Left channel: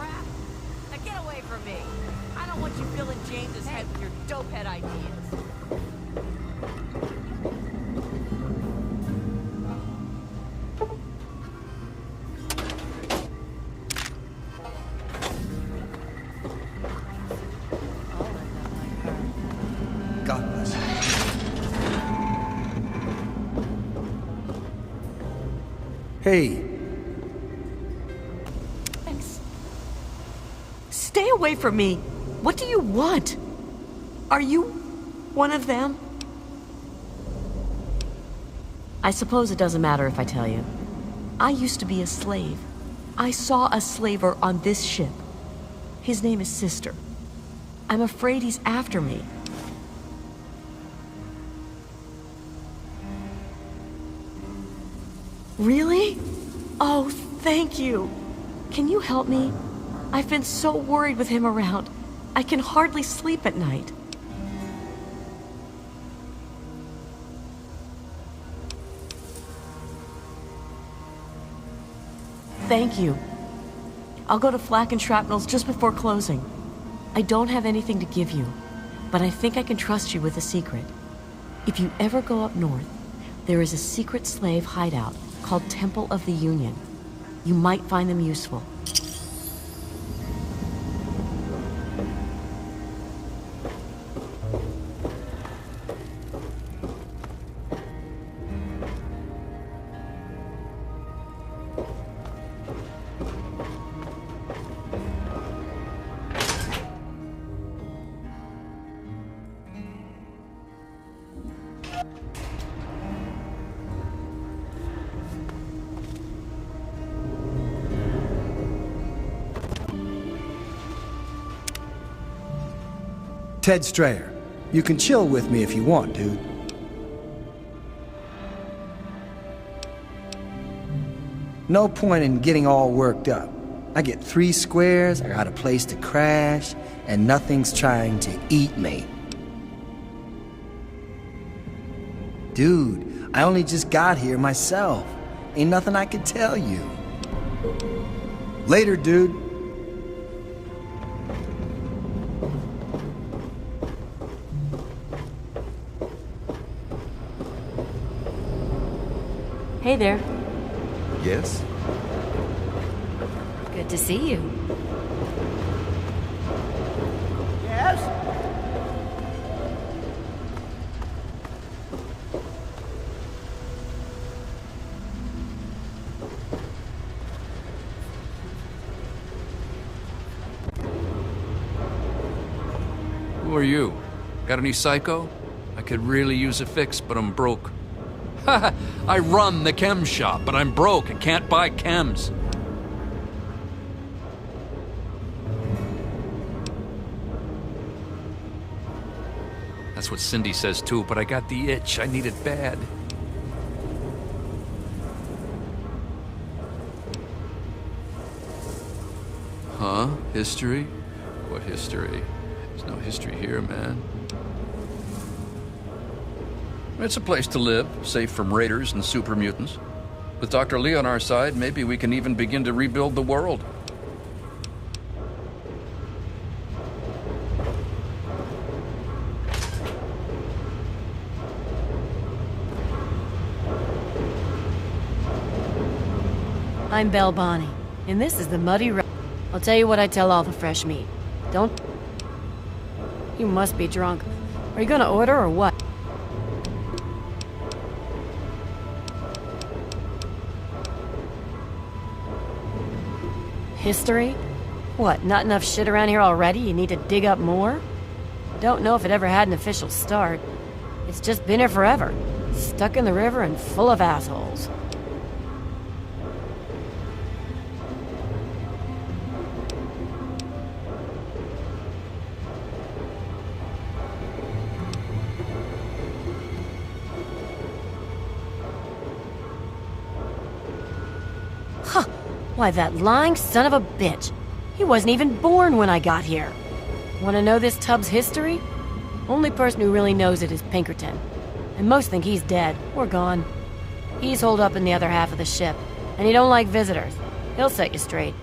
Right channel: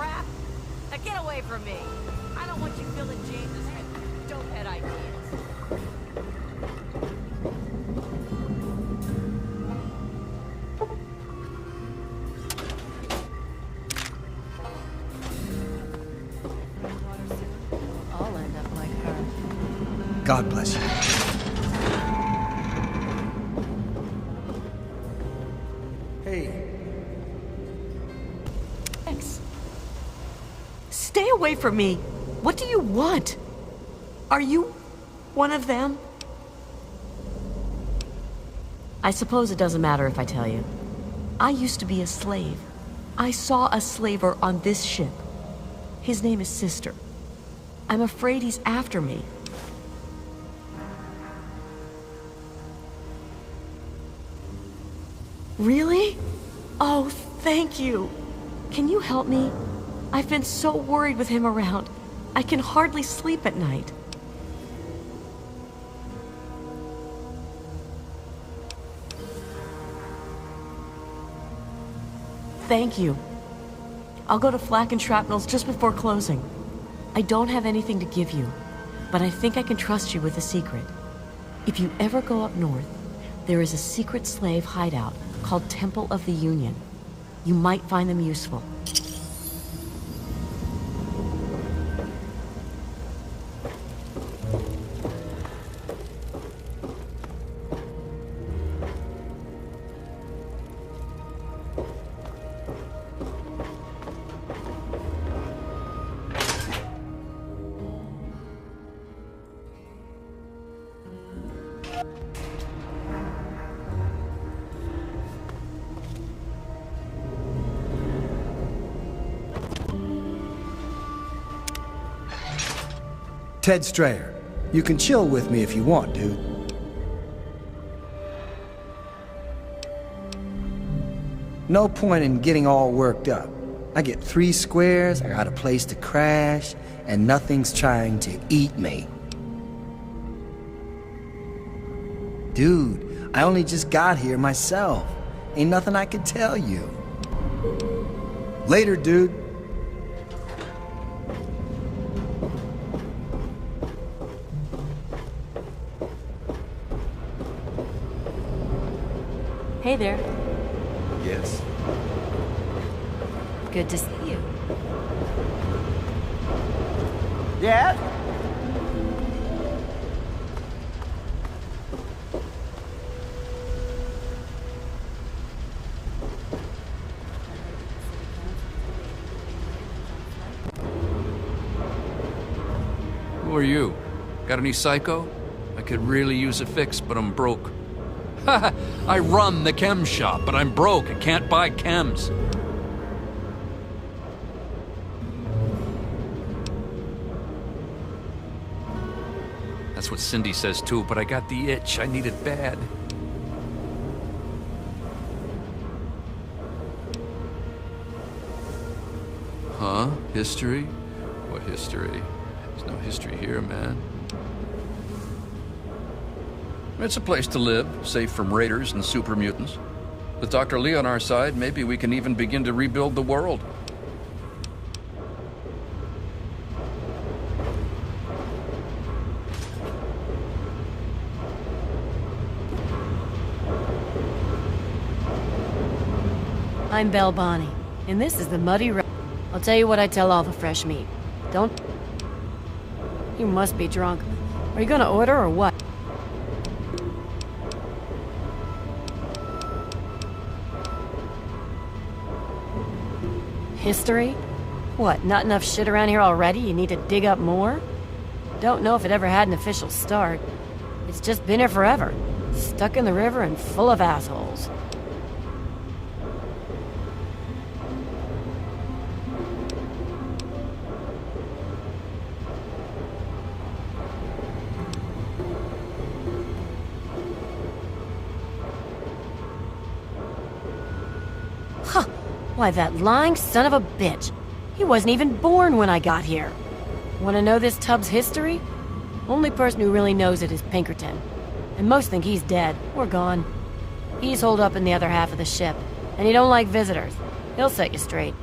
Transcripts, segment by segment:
crap? Now get away from me. James's head with your dope We'll all end up like her. God bless you. Hey. Stay away from me. What do you want? Are you one of them? I suppose it doesn't matter if I tell you. I used to be a slave. I saw a slaver on this ship. His name is Sister. I'm afraid he's after me. Really? Oh, thank you. Can you help me? I've been so worried with him around. I can hardly sleep at night. Thank you. I'll go to Flak and Shrapnel's just before closing. I don't have anything to give you, but I think I can trust you with a secret. If you ever go up north, there is a secret slave hideout called Temple of the Union. You might find them useful. Ted Strayer. You can chill with me if you want, dude. No point in getting all worked up. I get 3 squares, I got a place to crash, and nothing's trying to eat me. Dude, I only just got here myself. Ain't nothing I can tell you. Later, dude. Hey there. Yes. Good to see you. Yes? Who are you? Got any psycho? I could really use a fix, but I'm broke. I run the chem shop, but I'm broke and can't buy chems. That's what Cindy says too, but I got the itch. I need it bad. Huh? History? What history? There's no history here, man. It's a place to live, safe from raiders and super mutants. With Dr. Lee on our side, maybe we can even begin to rebuild the world. I'm Belle Bonnie, and this is the Muddy Road. I'll tell you what I tell all the fresh meat. Don't... You must be drunk. Are you gonna order or what? History? What, not enough shit around here already? You need to dig up more? Don't know if it ever had an official start. It's just been here forever. Stuck in the river and full of assholes. Huh. Why, that lying son of a bitch. He wasn't even born when I got here. Want to know this tub's history? Only person who really knows it is Pinkerton. And most think he's dead, or gone. He's holed up in the other half of the ship, and he don't like visitors. He'll set you straight.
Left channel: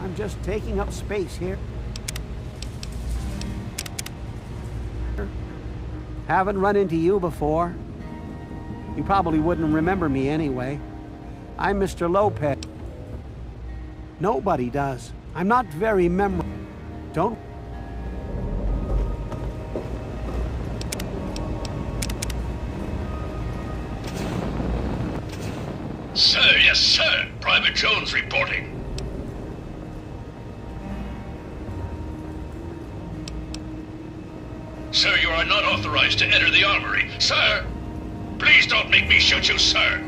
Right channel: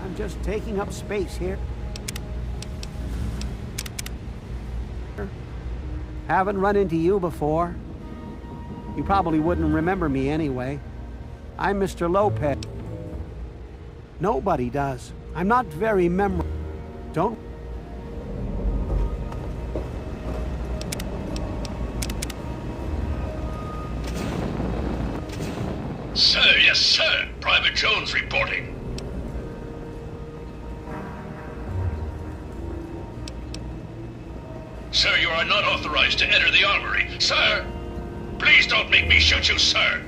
I'm just taking up space here. Haven't run into you before. You probably wouldn't remember me anyway. I'm Mr. Lopez. Nobody does. I'm not very memorable. Don't... Sir, yes, sir. Private Jones reporting. Sir, you are not authorized to enter the armory. Sir! Please don't make me shoot you, sir!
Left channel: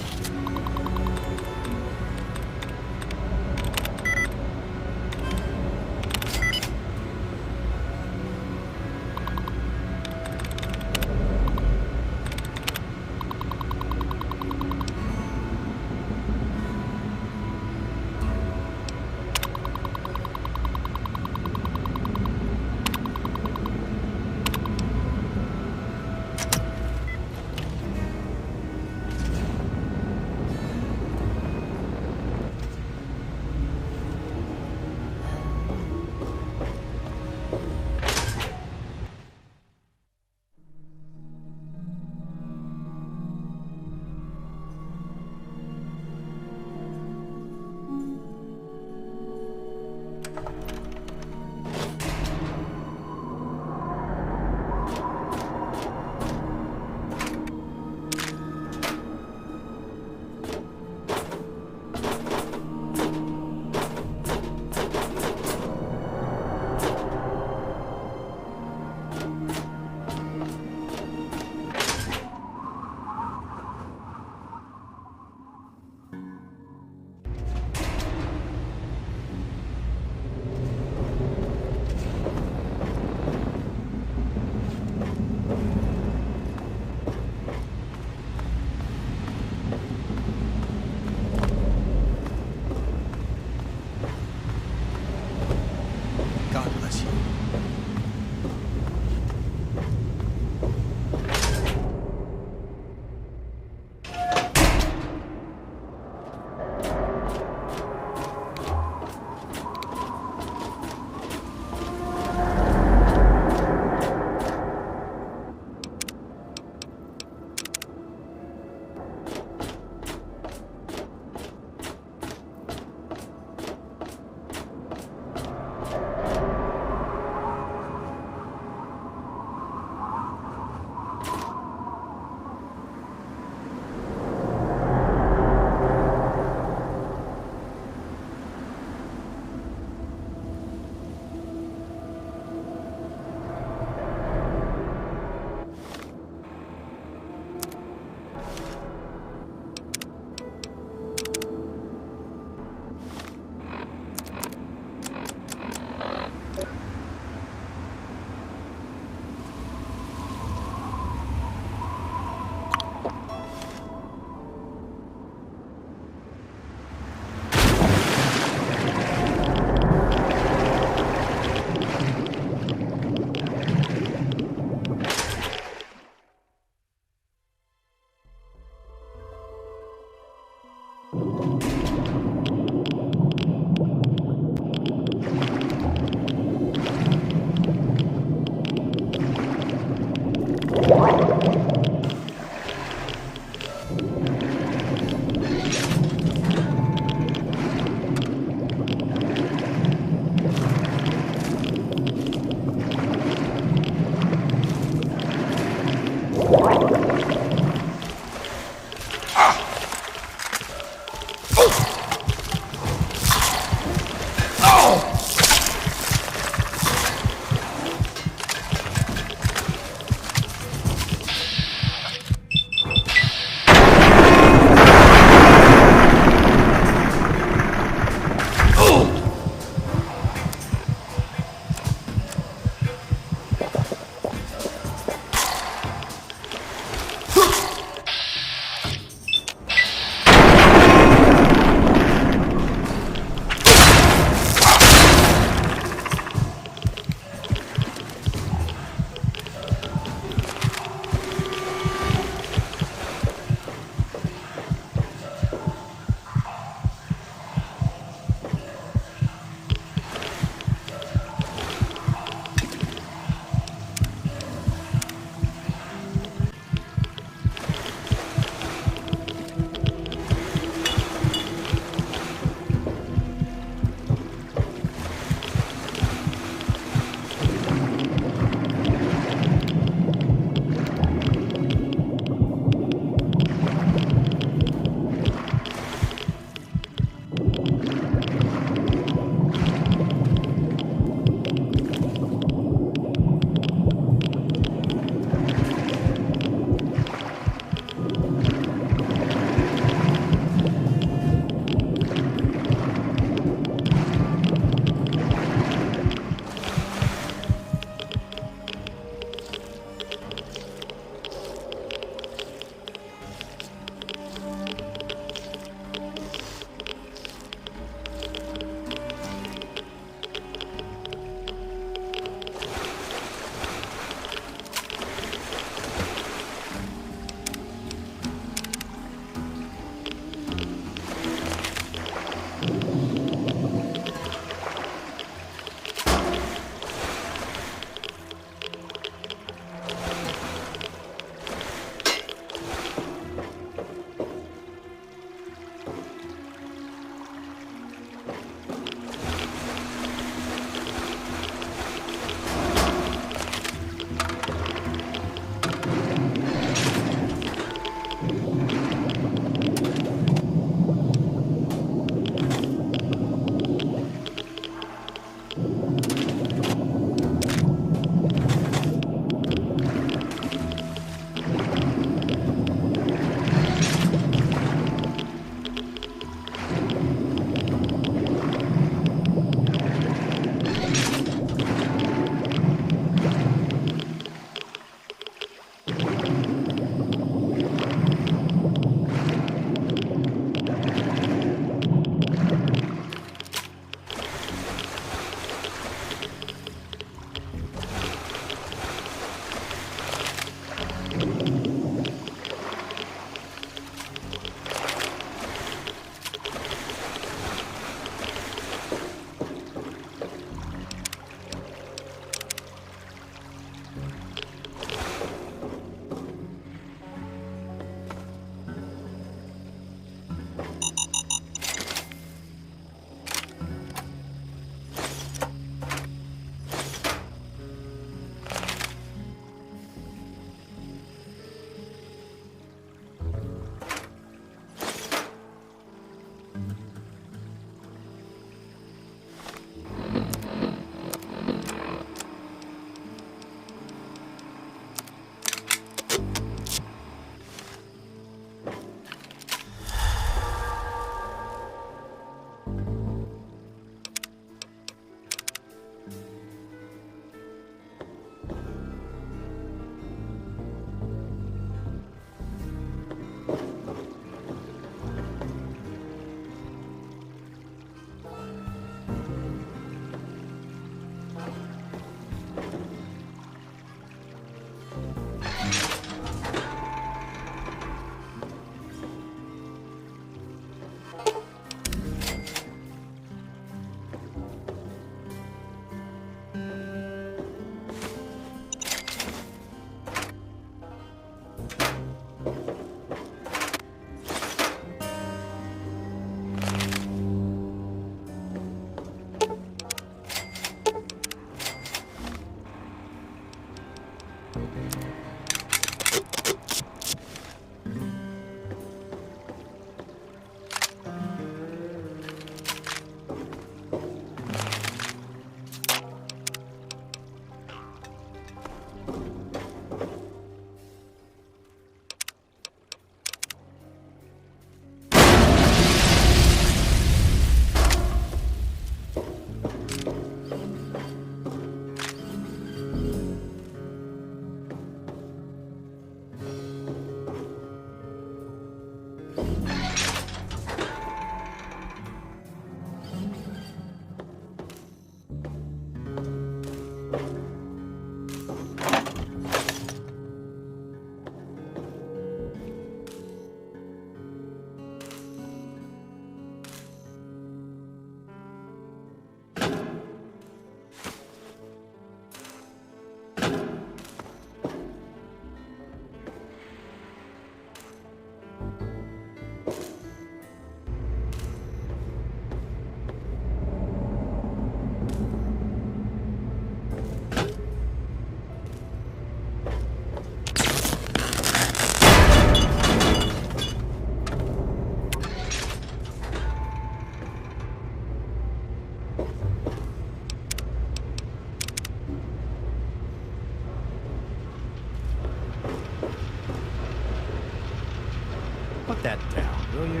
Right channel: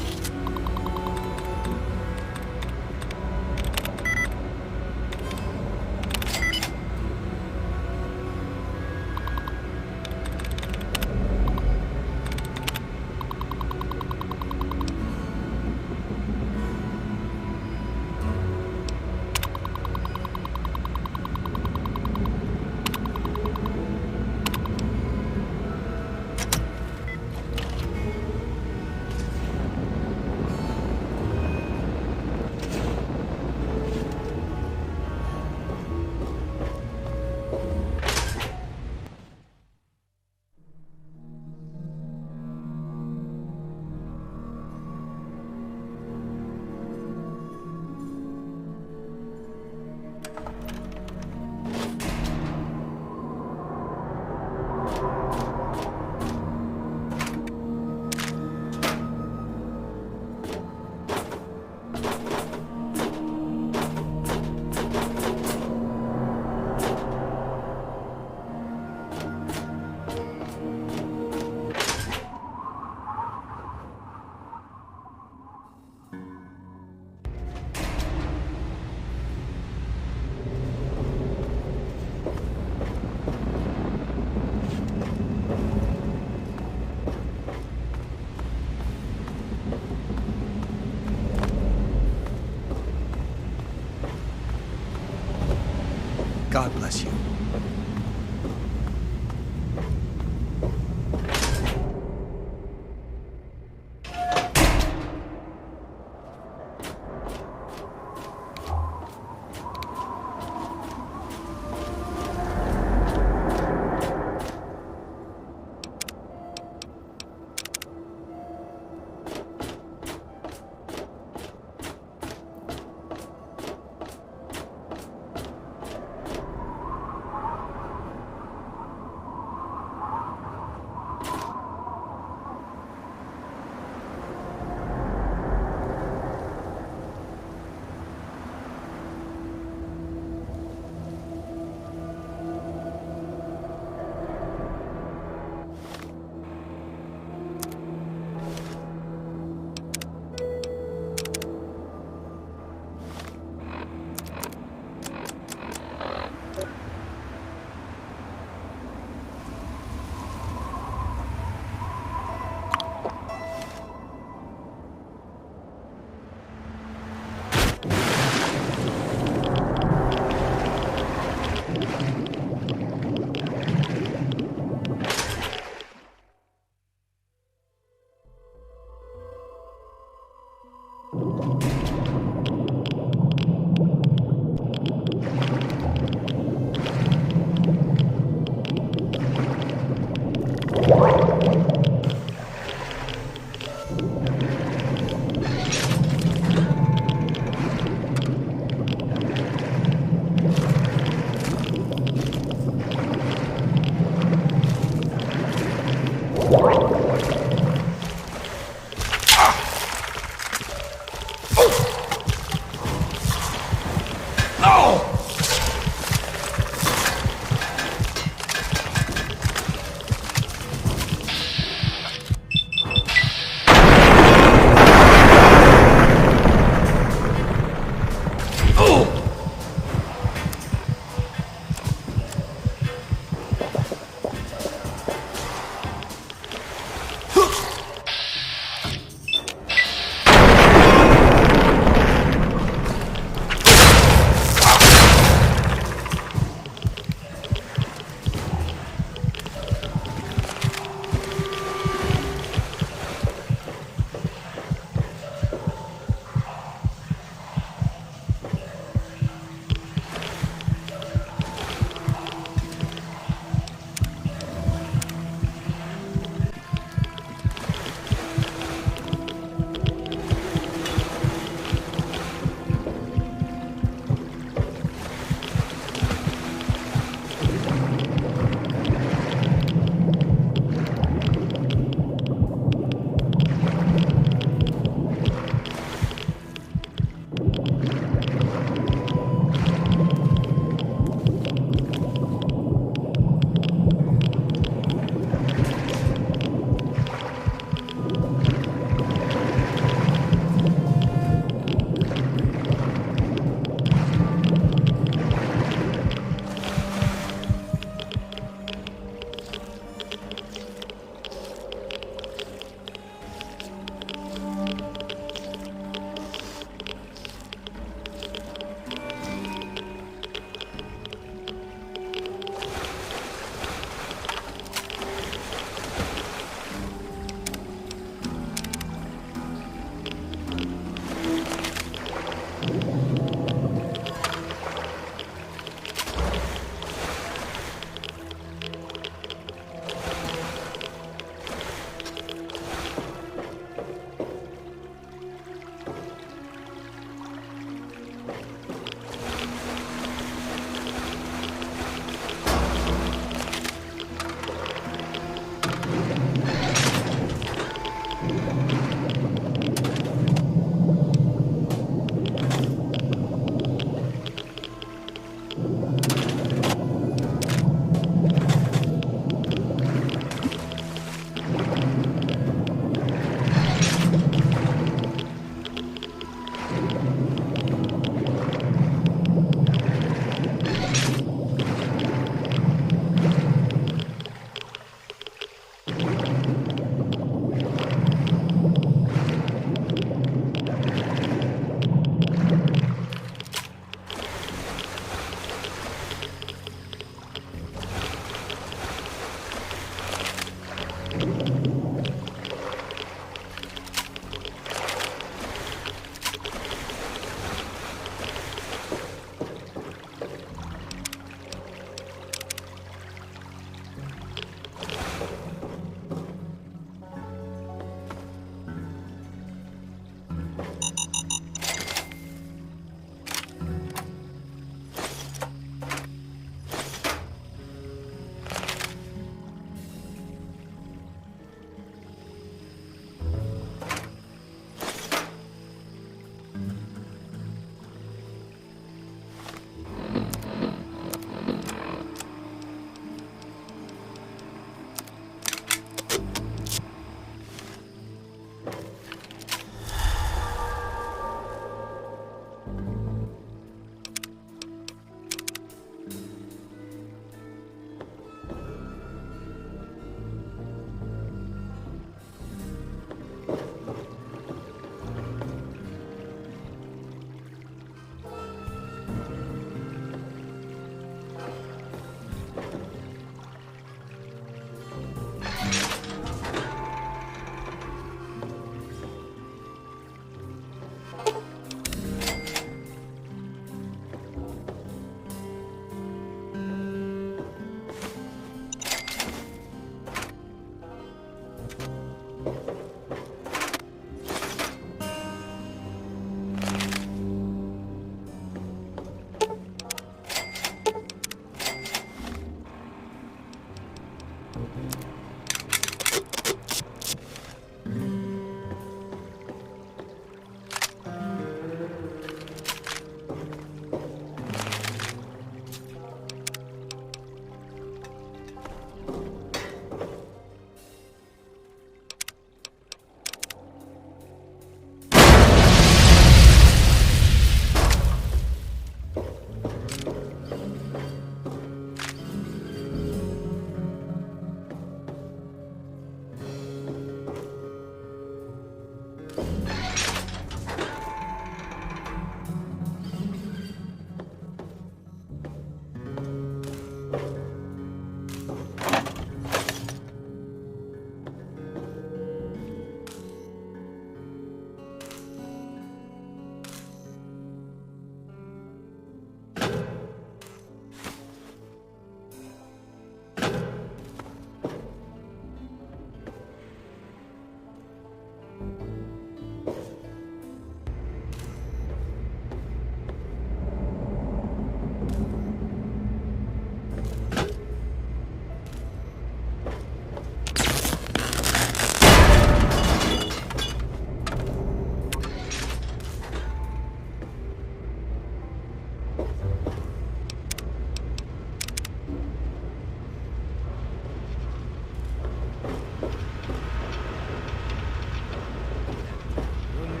Put that down, will you?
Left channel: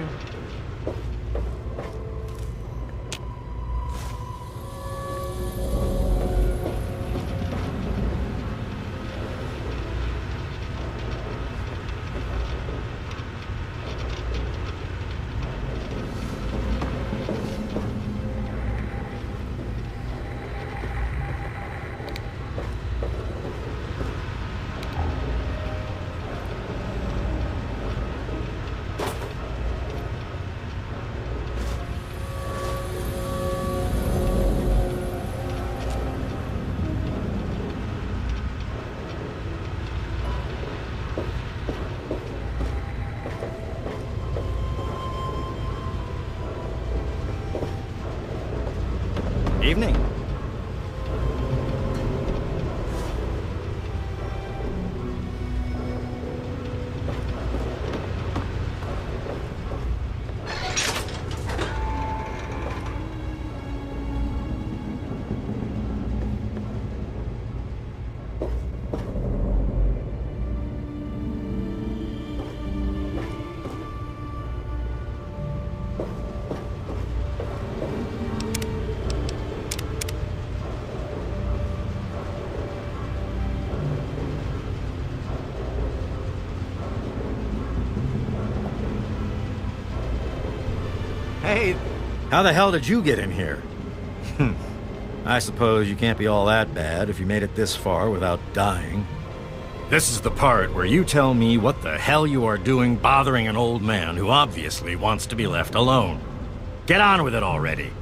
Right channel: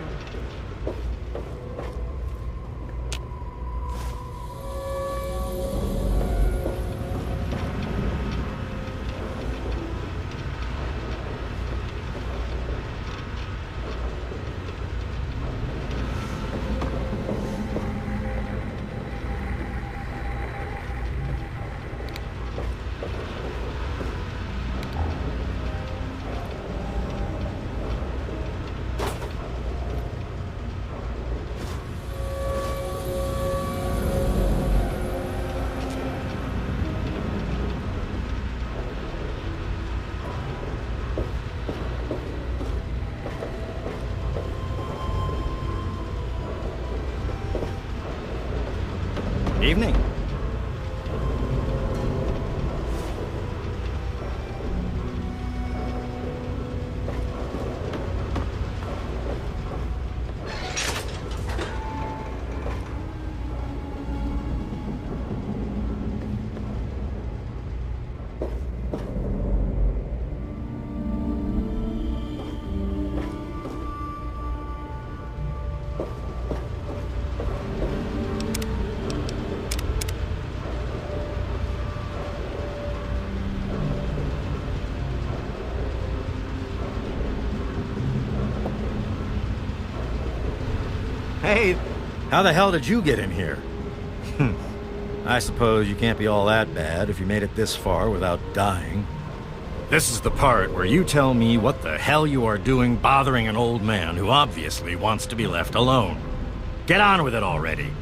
Hey, how the hell did you get in here? I suppose you can't be all that bad if you made it this far without dying. This is the part where you tell me what the hell you are doing bothering an old man who obviously wants to be left alone. Get on with it already.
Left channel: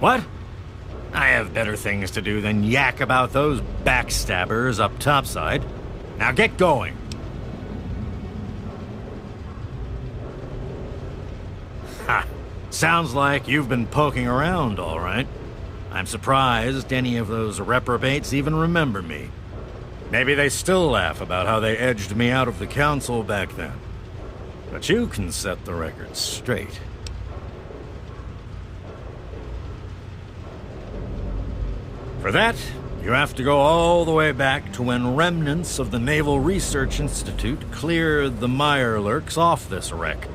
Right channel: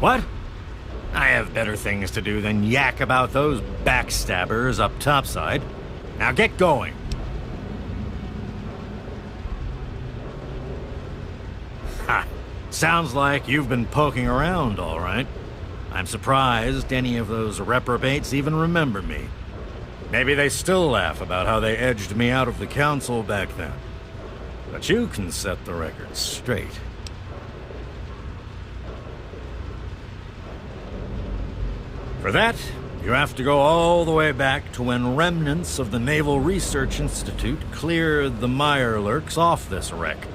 What? I have better things to do than yak about those backstabbers up topside. Now get going. Ha! Sounds like you've been poking around, all right. I'm surprised any of those reprobates even remember me. Maybe they still laugh about how they edged me out of the council back then. But you can set the record straight. For that, you have to go all the way back to when remnants of the Naval Research Institute cleared the Mirelurks off this wreck,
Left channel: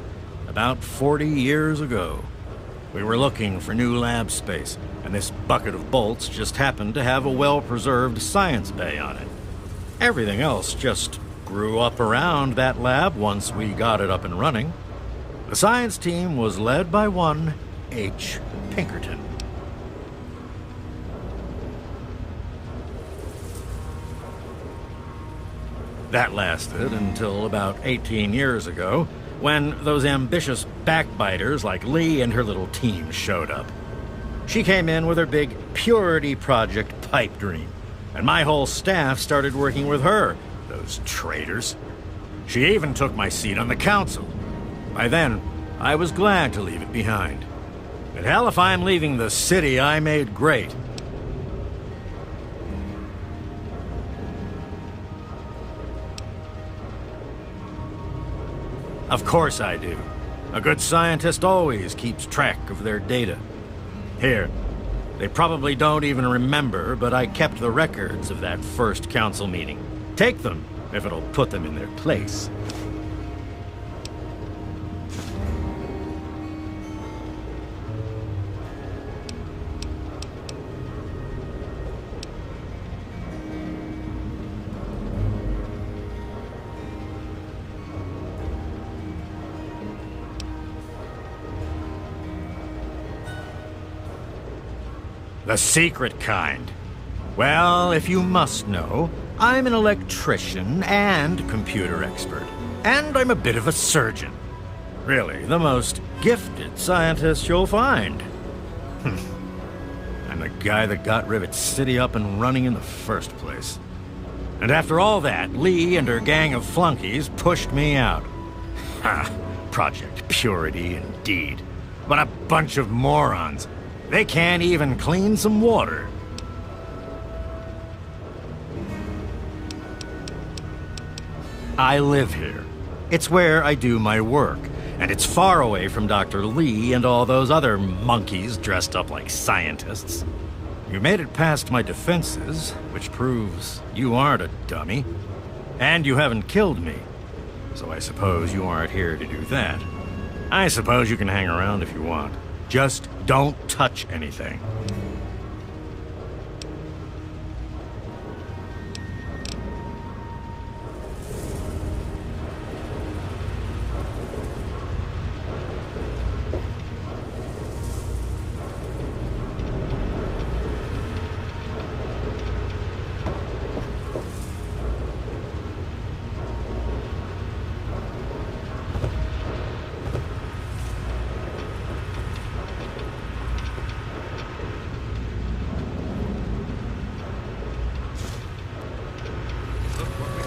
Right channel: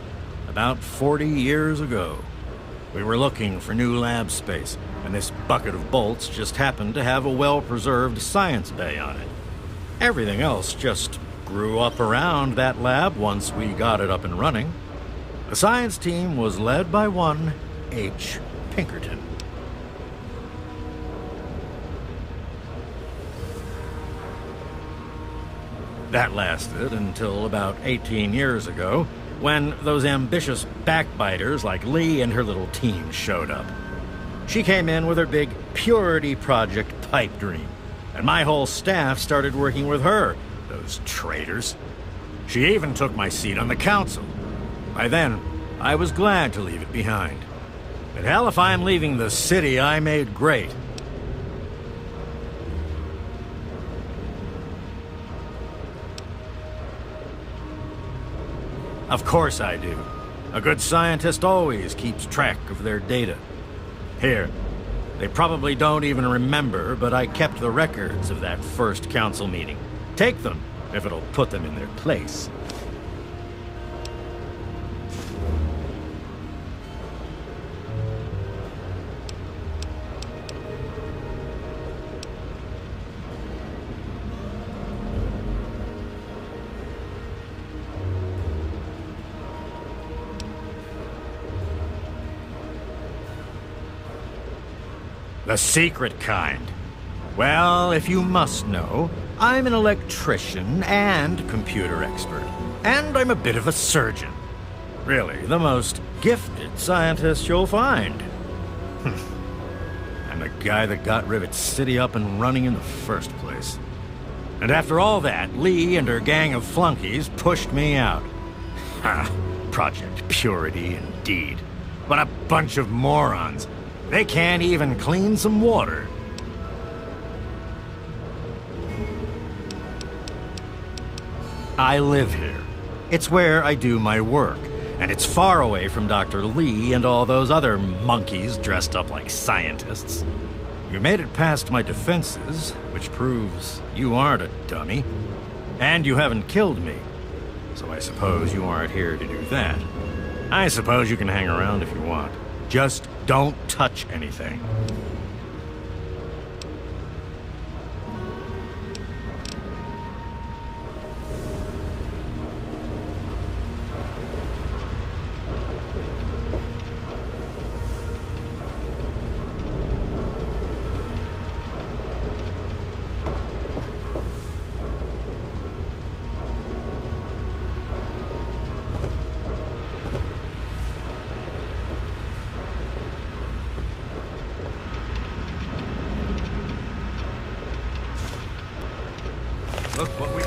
about 40 years ago. We were looking for new lab space, and this bucket of bolts just happened to have a well-preserved science bay on it. Everything else just grew up around that lab once we got it up and running. The science team was led by one H. Pinkerton. That lasted until about 18 years ago, when those ambitious backbiters like Lee and her little team showed up. She came in with her big Purity Project pipe dream, and my whole staff started working with her, those traitors. She even took my seat on the council. By then, I was glad to leave it behind. But hell, if I'm leaving the city I made great. Of course I do. A good scientist always keeps track of their data. Here, they probably don't even remember, but I kept the records of that first council meeting. Take them, if it'll put them in their place. The secret kind. Well, if you must know, I'm an electrician and computer expert. And I'm a bit of a surgeon. Really, the most gifted scientist you'll find. I'm the guy that got Rivet City up and running in the first place. And after all that, Lee and her gang of flunkies pushed me out. Ha! Project Purity, indeed. What a bunch of morons. They can't even clean some water. I live here. It's where I do my work, and it's far away from Dr. Lee and all those other monkeys dressed up like scientists. You made it past my defenses, which proves you aren't a dummy. And you haven't killed me, so I suppose you aren't here to do that. I suppose you can hang around if you want. Just don't touch anything. Look what we...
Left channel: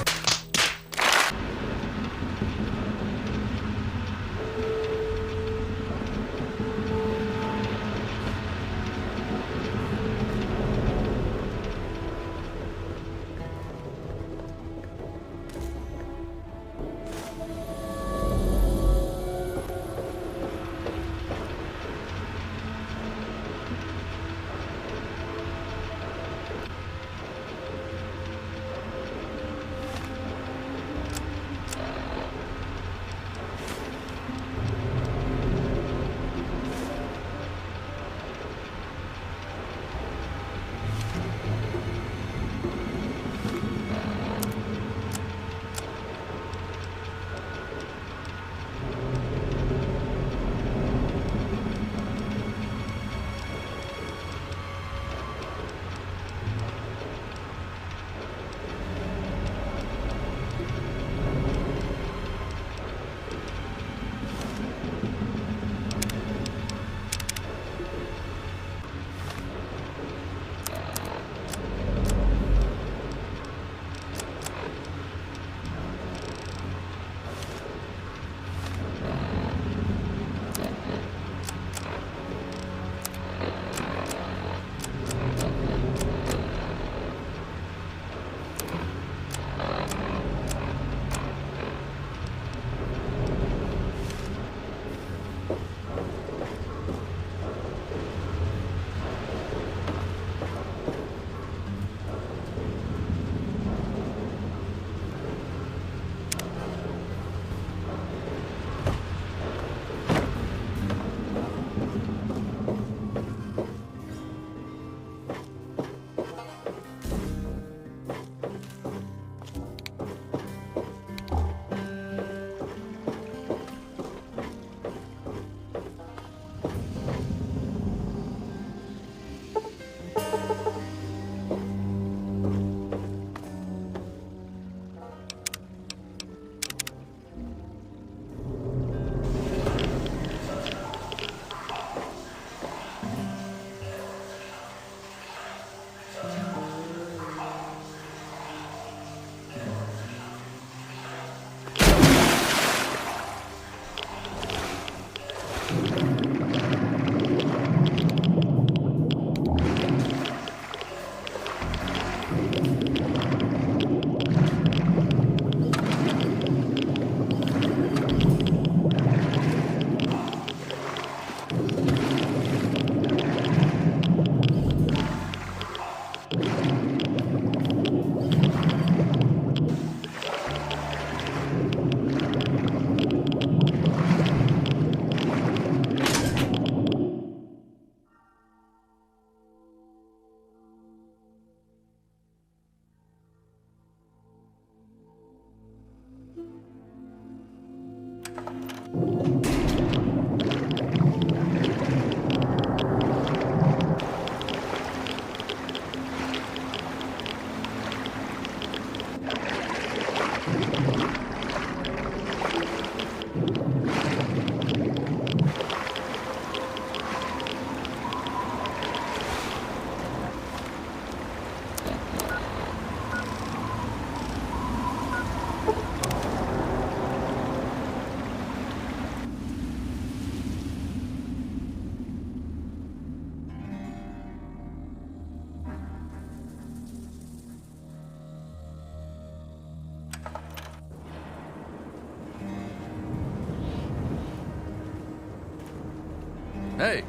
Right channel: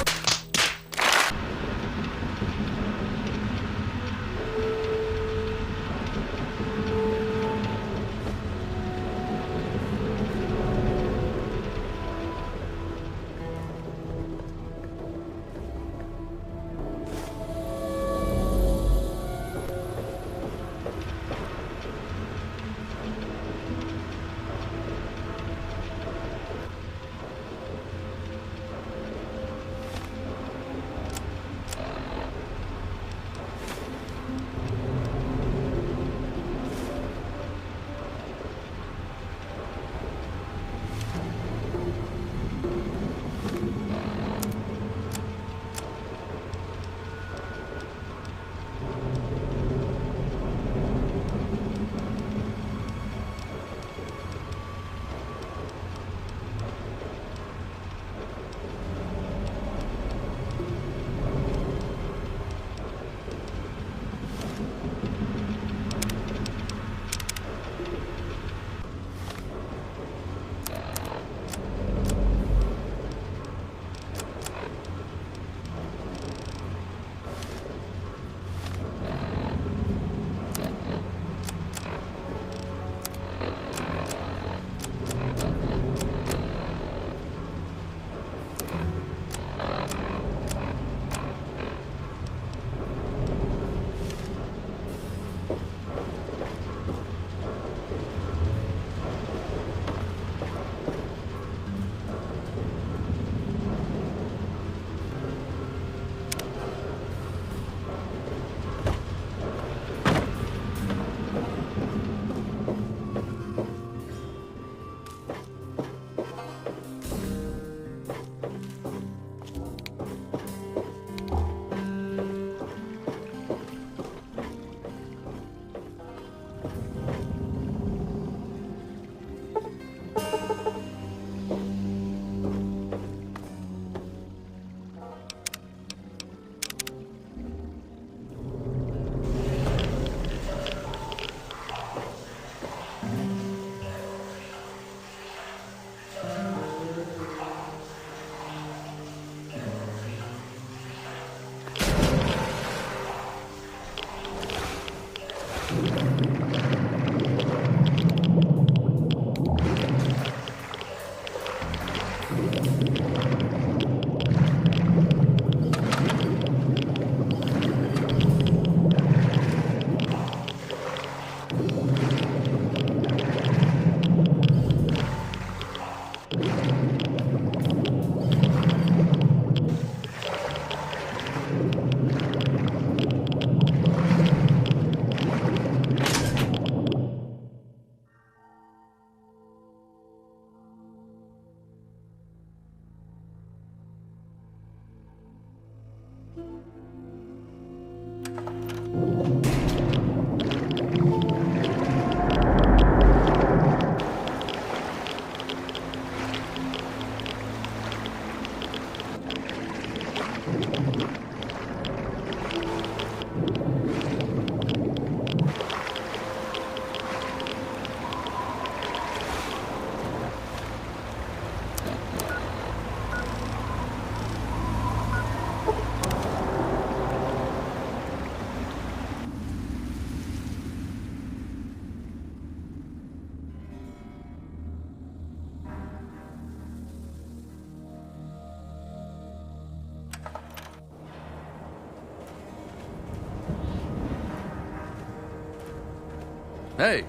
Hey.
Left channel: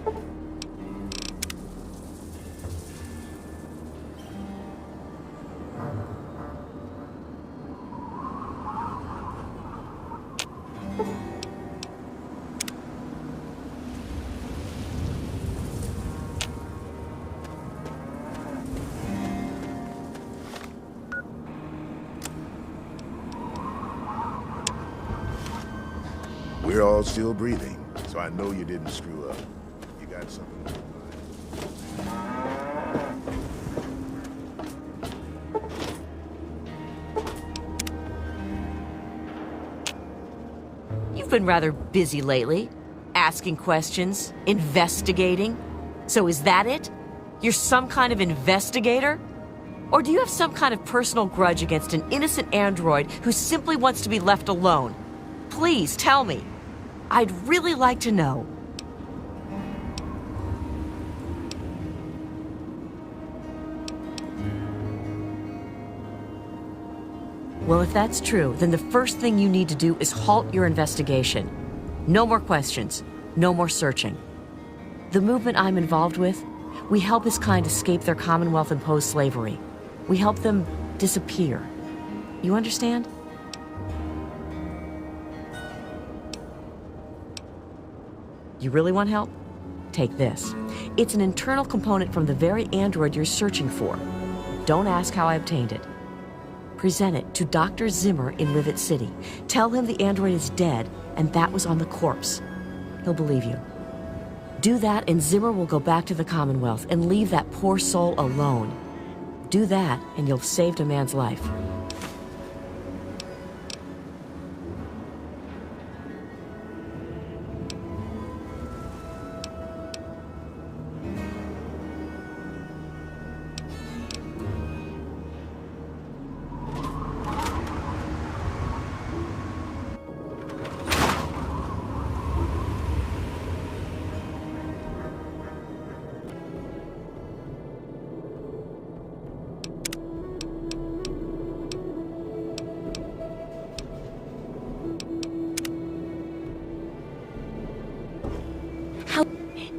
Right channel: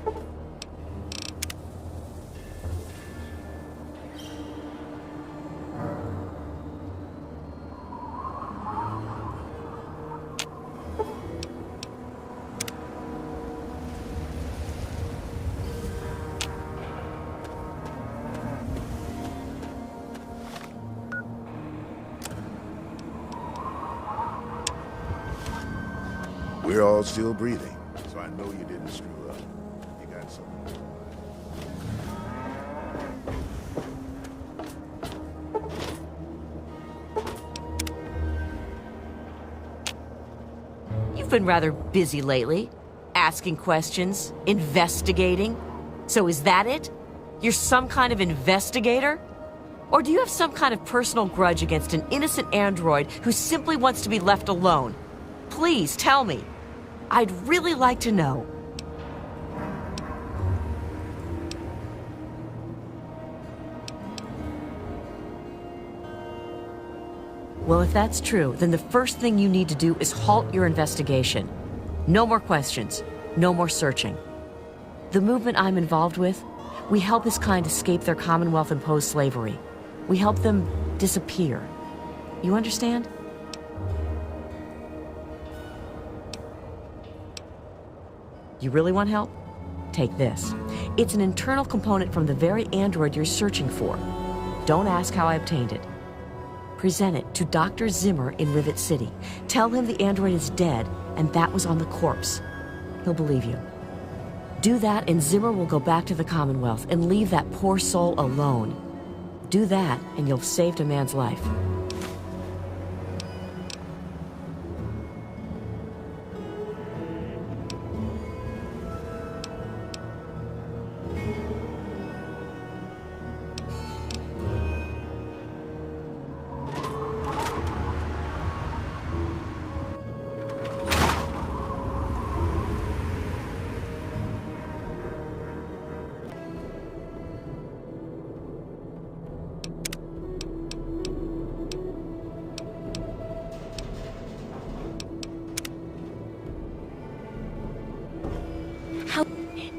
So I know you didn't screw up. You got something. You've been rather busy lately. Asking questions, investigating. So is that it? You're some kind of investigator? Or do you have some kind of personal grudge against an innocent android who simply wants to be left alone? Please tell me. I'd really like to know. Well, if that's true, then the first thing you need to do is halt your investigation. No more questions. No more searching. The movement I'm involved with, we help his kind escape their Commonwealth-imposed slavery. We help them disappear. You understand? You really want help? Take this. It's an internal component from the very android you're searching for. Don't ask how I obtained it. Present it to Dr. Zimmer in Rivet City. Tell him the android is dead and that was on the corpse. He'll believe you. Do that and Zimmer will go back to the Commonwealth and leave that poor soul alone. Do that and you'll have saved a man's life.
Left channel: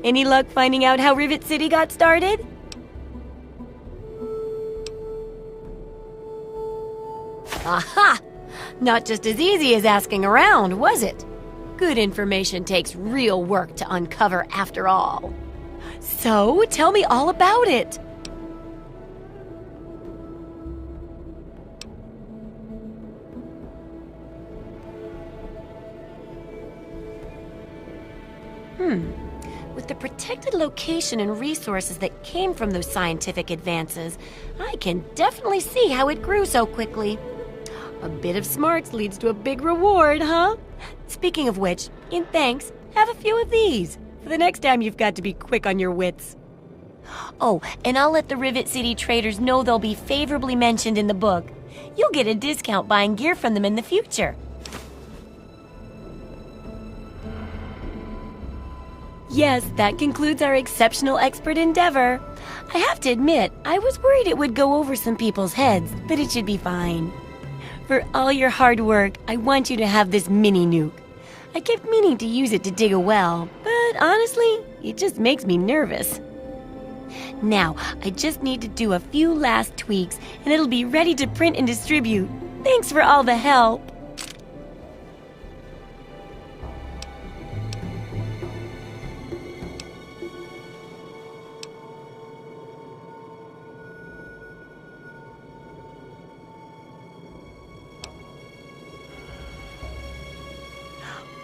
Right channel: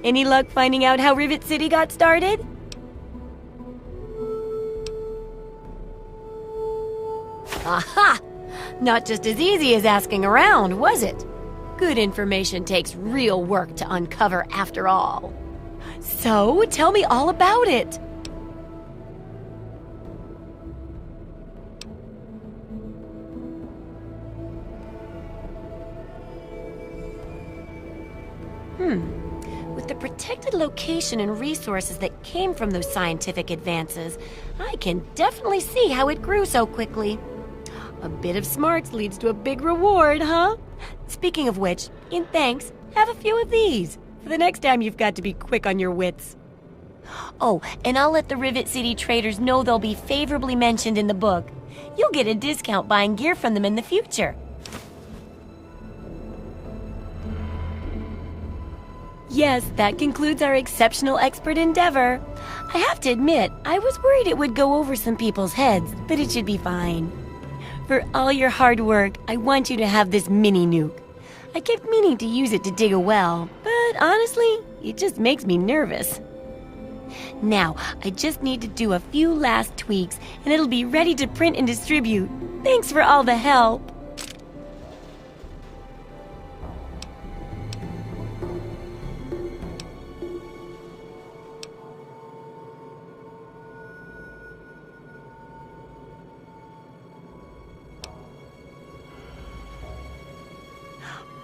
Any luck finding out how Rivet City got started? Aha! Not just as easy as asking around, was it? Good information takes real work to uncover after all. So, tell me all about it. With the protected location and resources that came from those scientific advances, I can definitely see how it grew so quickly. A bit of smarts leads to a big reward, huh? Speaking of which, in thanks, have a few of these for the next time you've got to be quick on your wits. Oh, and I'll let the Rivet City traders know they'll be favorably mentioned in the book. You'll get a discount buying gear from them in the future. Yes, that concludes our exceptional expert endeavor. I have to admit, I was worried it would go over some people's heads, but it should be fine. For all your hard work, I want you to have this mini nuke. I kept meaning to use it to dig a well, but honestly, it just makes me nervous. Now, I just need to do a few last tweaks, and it'll be ready to print and distribute. Thanks for all the help.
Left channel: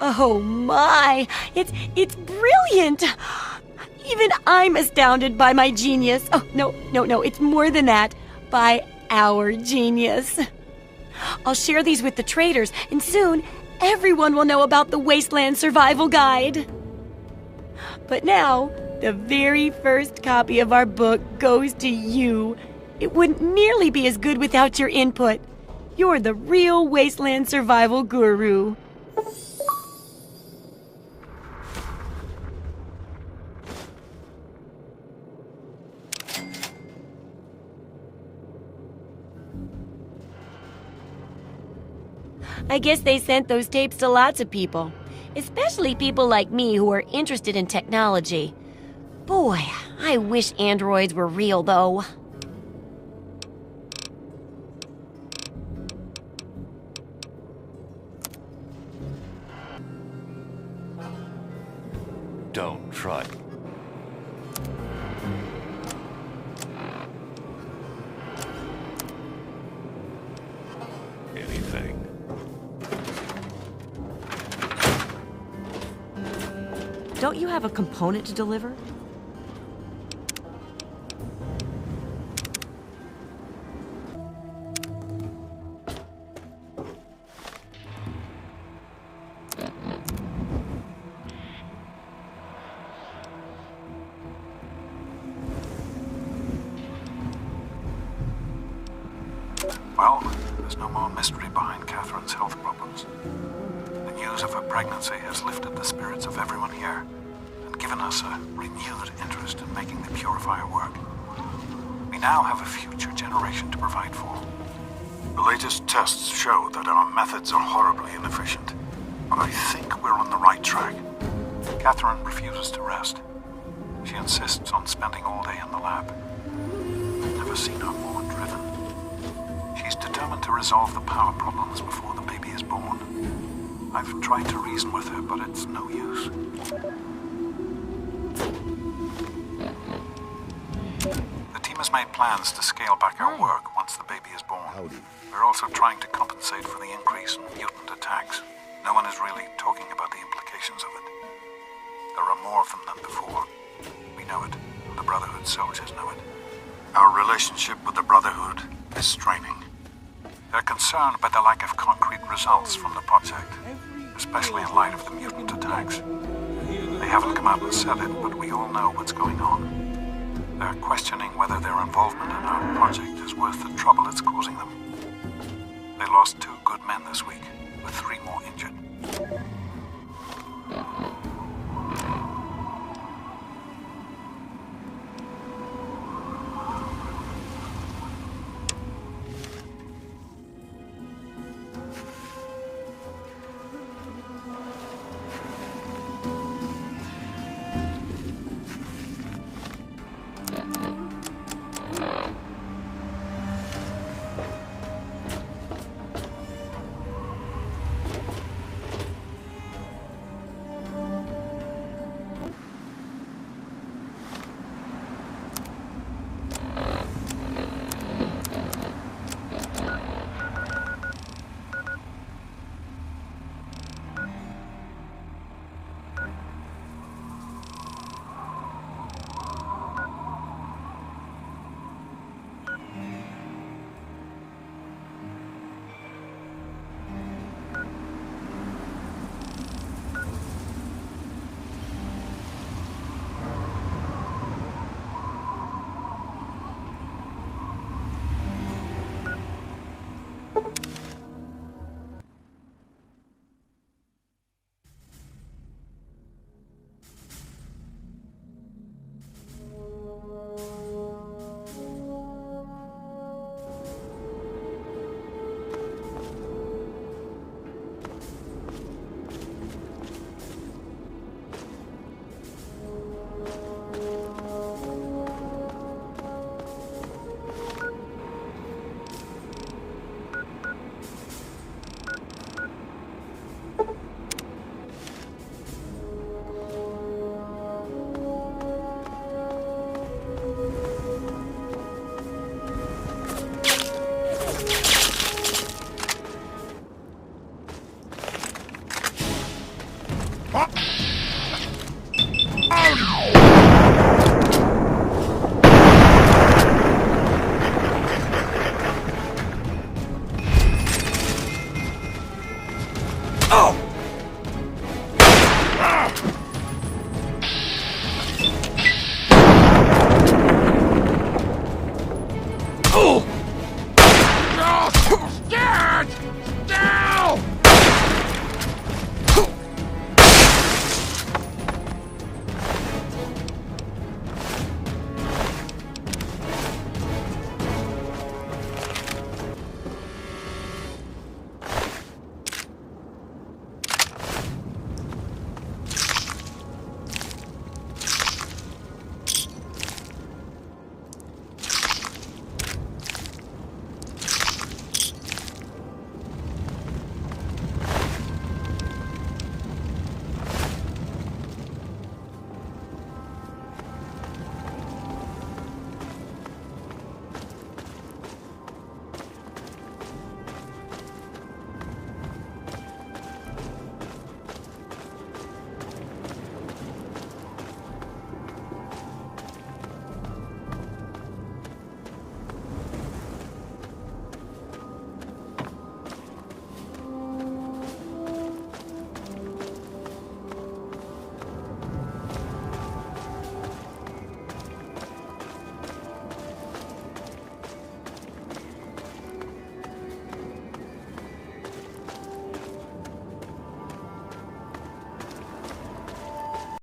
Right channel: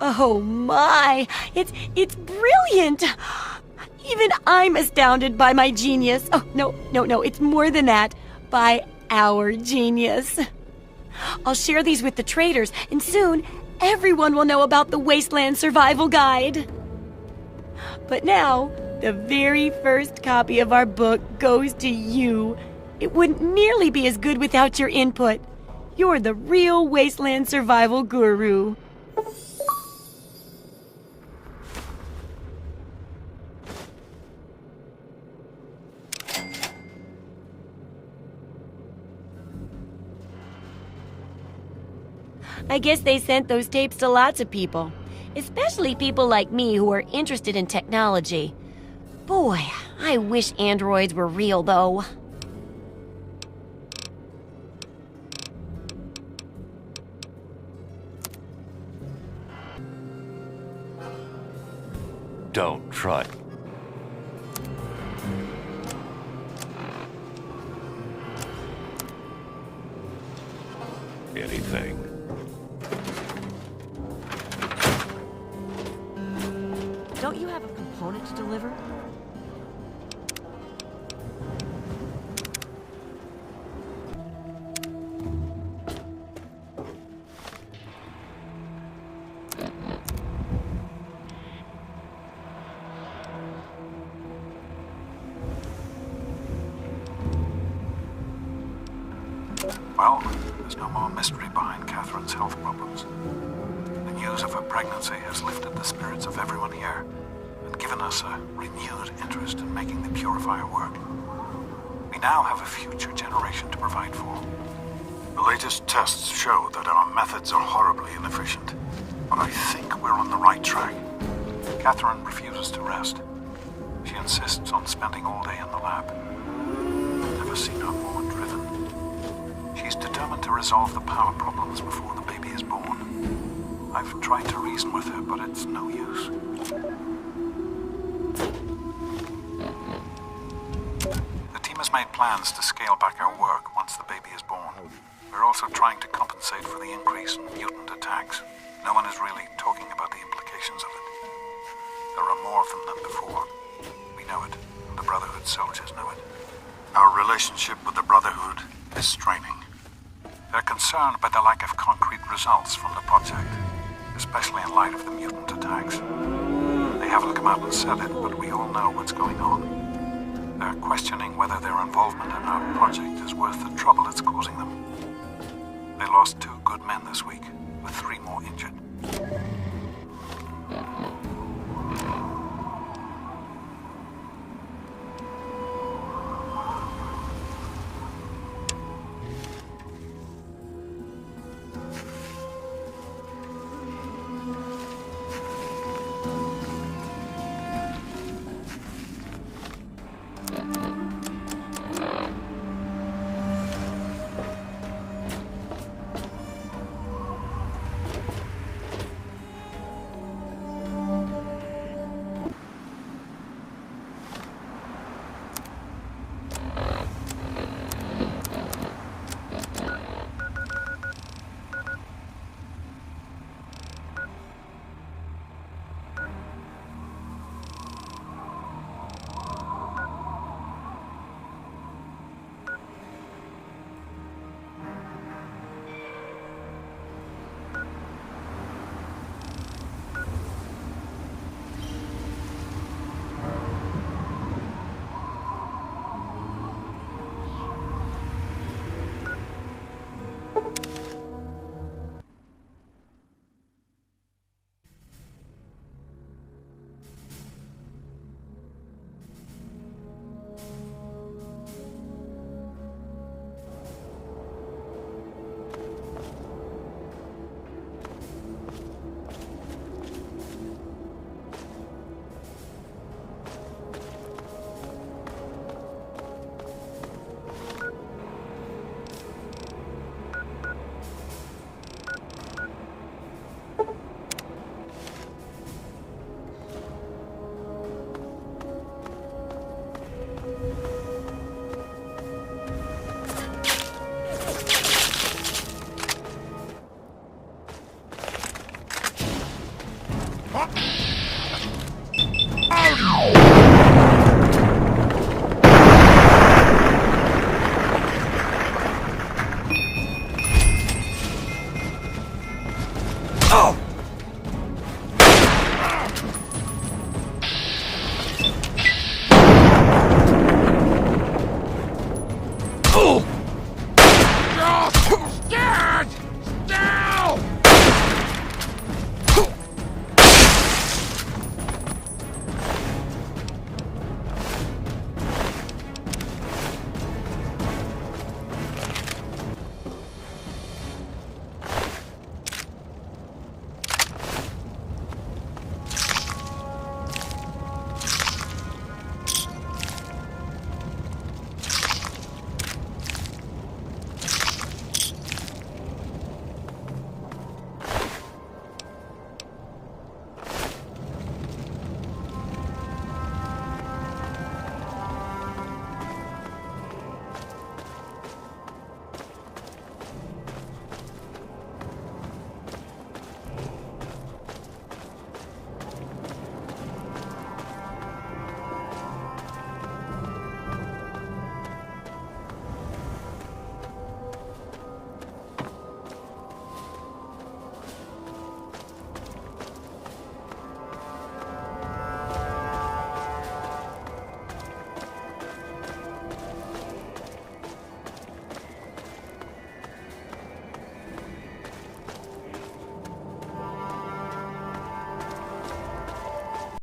Oh my! It's brilliant! Even I'm astounded by my genius. Oh, no, it's more than that. By our genius. I'll share these with the traders, and soon everyone will know about the Wasteland Survival Guide. But now, the very first copy of our book goes to you. It wouldn't nearly be as good without your input. You're the real Wasteland Survival Guru. I guess they sent those tapes to lots of people. Especially people like me who are interested in technology. Boy, I wish androids were real, though. Don't try. Anything. Don't you have a component to deliver? Well, there's no more mystery behind Catherine's health problems. The news of her pregnancy has lifted the spirits of everyone here and given us a renewed interest in making the purifier work. We now have a future generation to provide for. The latest tests show that our methods are horribly inefficient. But I think we're on the right track. Catherine refuses to rest. She insists on spending all day in the lab. I've never seen her more driven. She's determined to resolve the power problems before the baby is born. I've tried to reason with her, but it's no use. The team has made plans to scale back our work once the baby is born. We're also trying to compensate for the increase in mutant attacks. No one is really talking about the implications of it. There are more of them than before. We know it, and the Brotherhood soldiers know it. Our relationship with the Brotherhood is straining. They're concerned by the lack of concrete results from the project, especially in light of the mutant attacks. They haven't come out and said it, but we all know what's going on. They're questioning whether their involvement in our project is worth the trouble it's causing them. They lost 2 good men this week, with 3 more injured. Oh, no!